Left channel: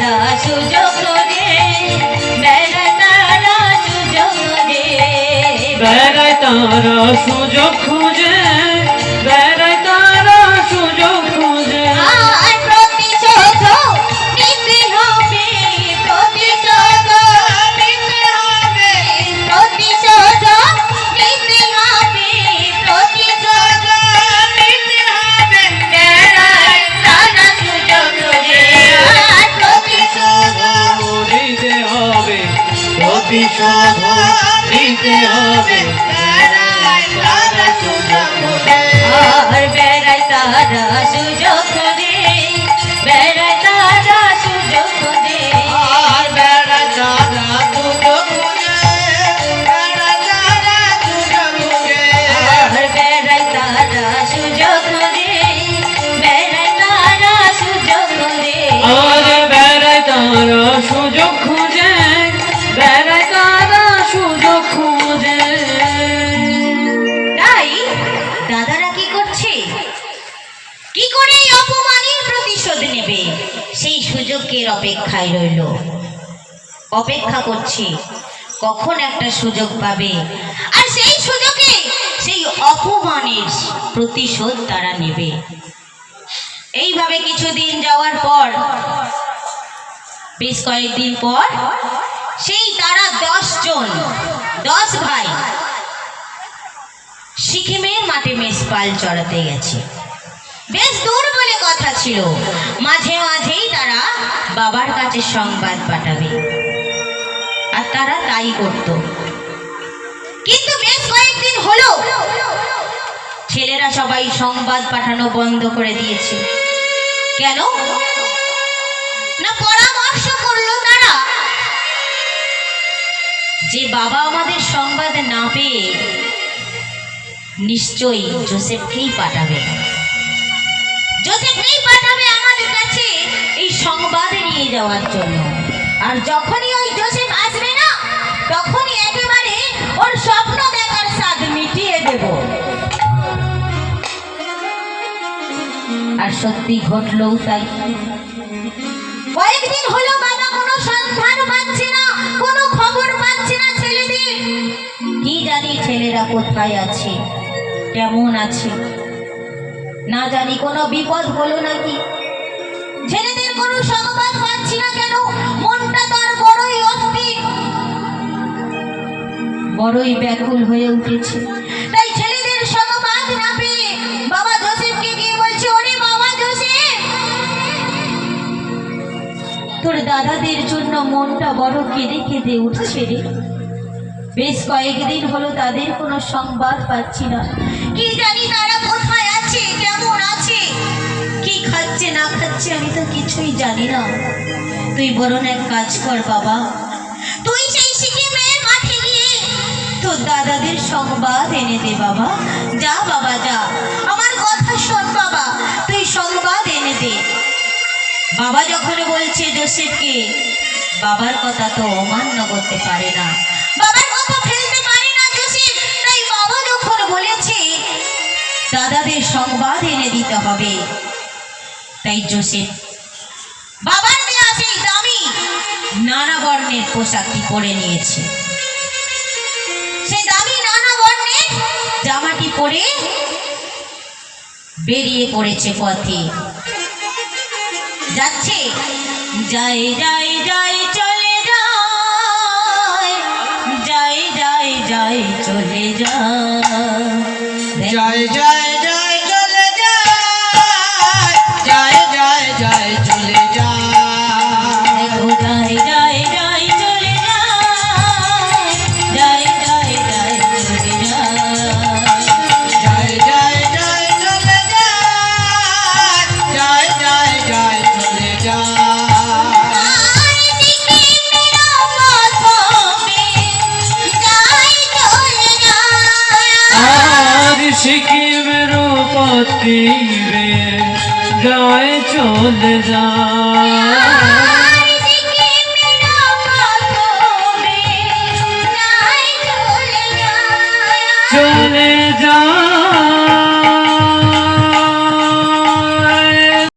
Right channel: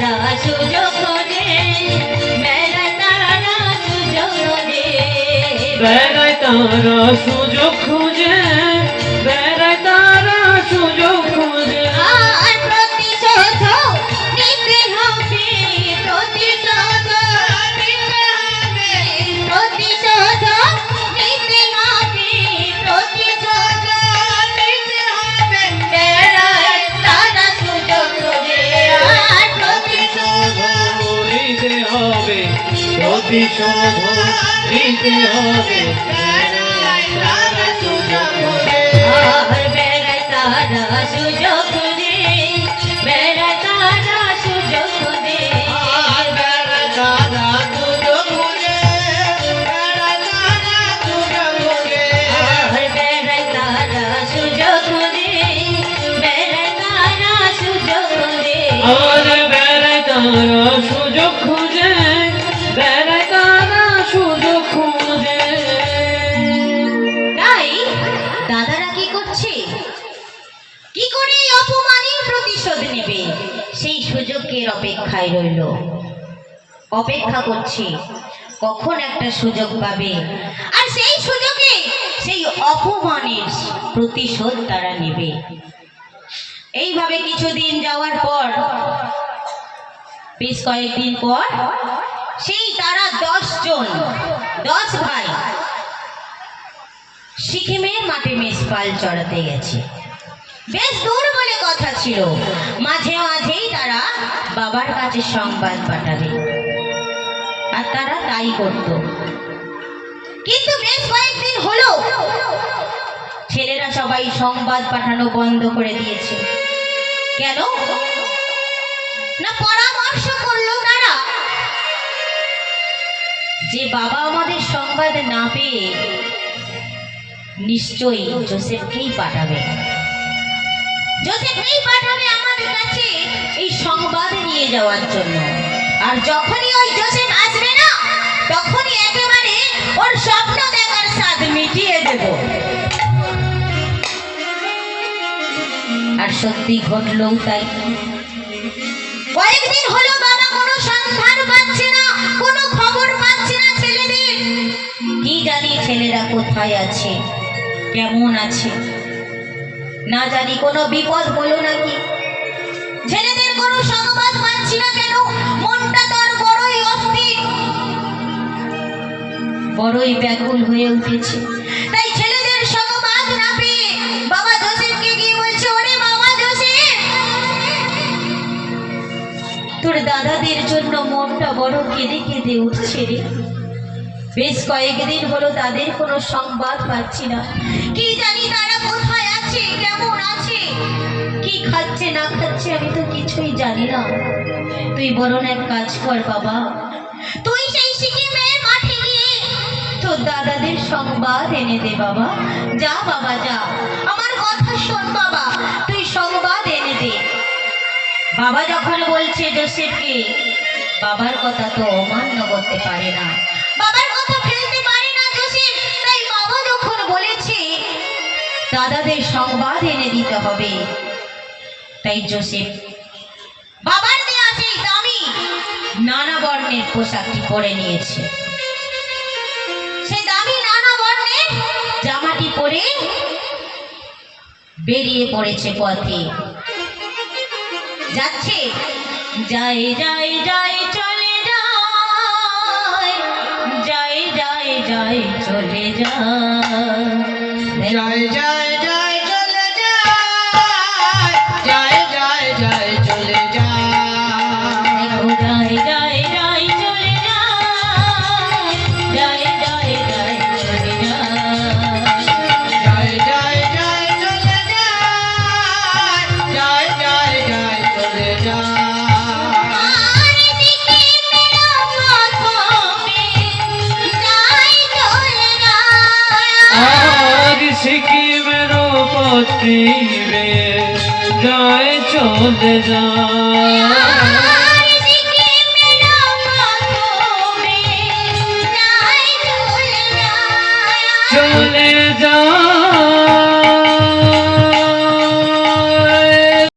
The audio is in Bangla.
তারা সুযোগ খোঁজে, বেড়ায় তারা সুযোগ খোঁজে, বেড়ায় তারা সুযোগ খুঁজে, বেড়ায় তারা সুযোগ খুঁজে। আর প্রতিশোধ নিতে হবে, প্রতিশোধ নিতে হবে, প্রতিশোধ নিতে হবে, প্রতিশোধ নিতে হবে, বেড়ায় তারা সুযোগ খোঁজে। আর প্রতিশোধ নিতে হবে, প্রতিশোধ নিতে হবে, বেড়ায় তারা সুযোগ খোঁজে। আর বেড়ায় তারা সুযোগ খোঁজে, বেড়ায় তারা সুযোগ খোঁজে, আর বেড়ায় তারা সুযোগ খুঁজে, বেড়ায় তারা সুযোগ খুঁজে। আর বেড়ায় তারা সুযোগ খোঁজে, বেড়ায় তারা সুযোগ খোঁজে। আর বেড়ায় তারা সুযোগ খুঁজে, বেড়ায় তারা সুযোগ খুঁজে। তাই দাদারা কি করছে, কি করে এই অপমানের প্রতিশোধ নেবে সেই সুযোগের অপেক্ষায় রইল, অপেক্ষা করছে কখন একটা সুযোগ পাবে আর সেই সুযোগে সেই অপমানের প্রতিশোধ তারা নেবে। এইভাবে কিছুদিন যাওয়ার পর, বেশ কয়েকদিন পর, সেই তারা 10 জন, 10 ভাই সিকিমের মাঠে মেষপাল চড়াতে গেছে। বেশ দূর বলে কথা ছিল, মাঝে মাঝেই তারা বাবার কাছে সংবাদ পাঠাবে, আর তারা তাই করত। কিন্তু বেশ কয়েকদিন হলো ছেলেরা সবাই সংবাদ পাঠানো বন্ধ করে দিয়েছে। কেন না, পরামর্শ করলো তারা যে বাবা আমাদের সংবাদ না পেয়ে নিশ্চয়ই জোসেফকেই পাঠাবে, জোসেফকেই পাঠাবে আমাদের কাছে এই সংবাদ নিয়ে যাওয়ার জন্য। আর যখনই ওই জোসেফ আসবে না, তখনই একেবারে ওর স্বপ্ন দেখার স্বাদ মিটিয়ে দেব। আর সত্যি ঘটলো তাই। কয়েকদিন হলো বাবা কোনো সন্ধান পাচ্ছে না, কোনো খবর পাচ্ছে না ছেলেদের। কি জানি ছেলেরা কোথায় আছে, কেমন আছে, না জানি কোনো বিপদ হলো নাকি। ছেলেদের কোনো সংবাদ পাচ্ছি না কেন, মনটা তার বড়ই অস্থির, বড়ই ব্যাকুল হয়ে উঠেছে। তাই ছেলেদের সংবাদ না পেয়ে বাবা জোসেফকে গিয়ে বলছে, ওরে বাবা জোসেফ, তোর দাদাদের জন্য মনটা বড় কেঁদে কেঁদে উঠছে রে। বেশ কয়েকদিন হলো তাদের কোনো সংবাদ পাচ্ছি না, কি জানি তারা কোথায় আছে, কেমন আছে, কি খাচ্ছে না খাচ্ছে আমি তো কিছুই জানি না। তুই বরং এক কাজ কর বাবা, তুই সেই সিকিমের মাঠে গিয়ে তোর দাদাদের সংবাদ এনে দে বাবা। যা বাবা যা, আমার কথা শোন বাবা, তুই সংবাদ এনে দে। বাবা যখন বলছে জোসেফকে, বাবার কথা তো অমান্য করতে পারে না, বাবার কথা ফেলতে পারে না জোসেফ। তাই বাবা যখন বলেছে দাদাদের সংবাদ এনে দিতে হবে, তাই জোসেফ বাবার দেয়া সেই দামি নানা বর্ণের পোশাকটি পরে নিয়েছে। সেই দামি নানা বর্ণের জামাটি পরে বেরিয়ে পড়েছে পথে, যাচ্ছে। যাই যাই যাই চলে যায়, যাই যাই যাই চলে যায়, যাই যাই যাই চলে যায়, যাই যাই যাই চলে যায়, যাই যাই যাই চলে যায়, যাই যাই যাই চলে যায়, যাই যাই যাই চলে যায়, যাই যাই যাই চলে যায়। আজ সিকিমের পথে যায় চলে যায়, চলে যায়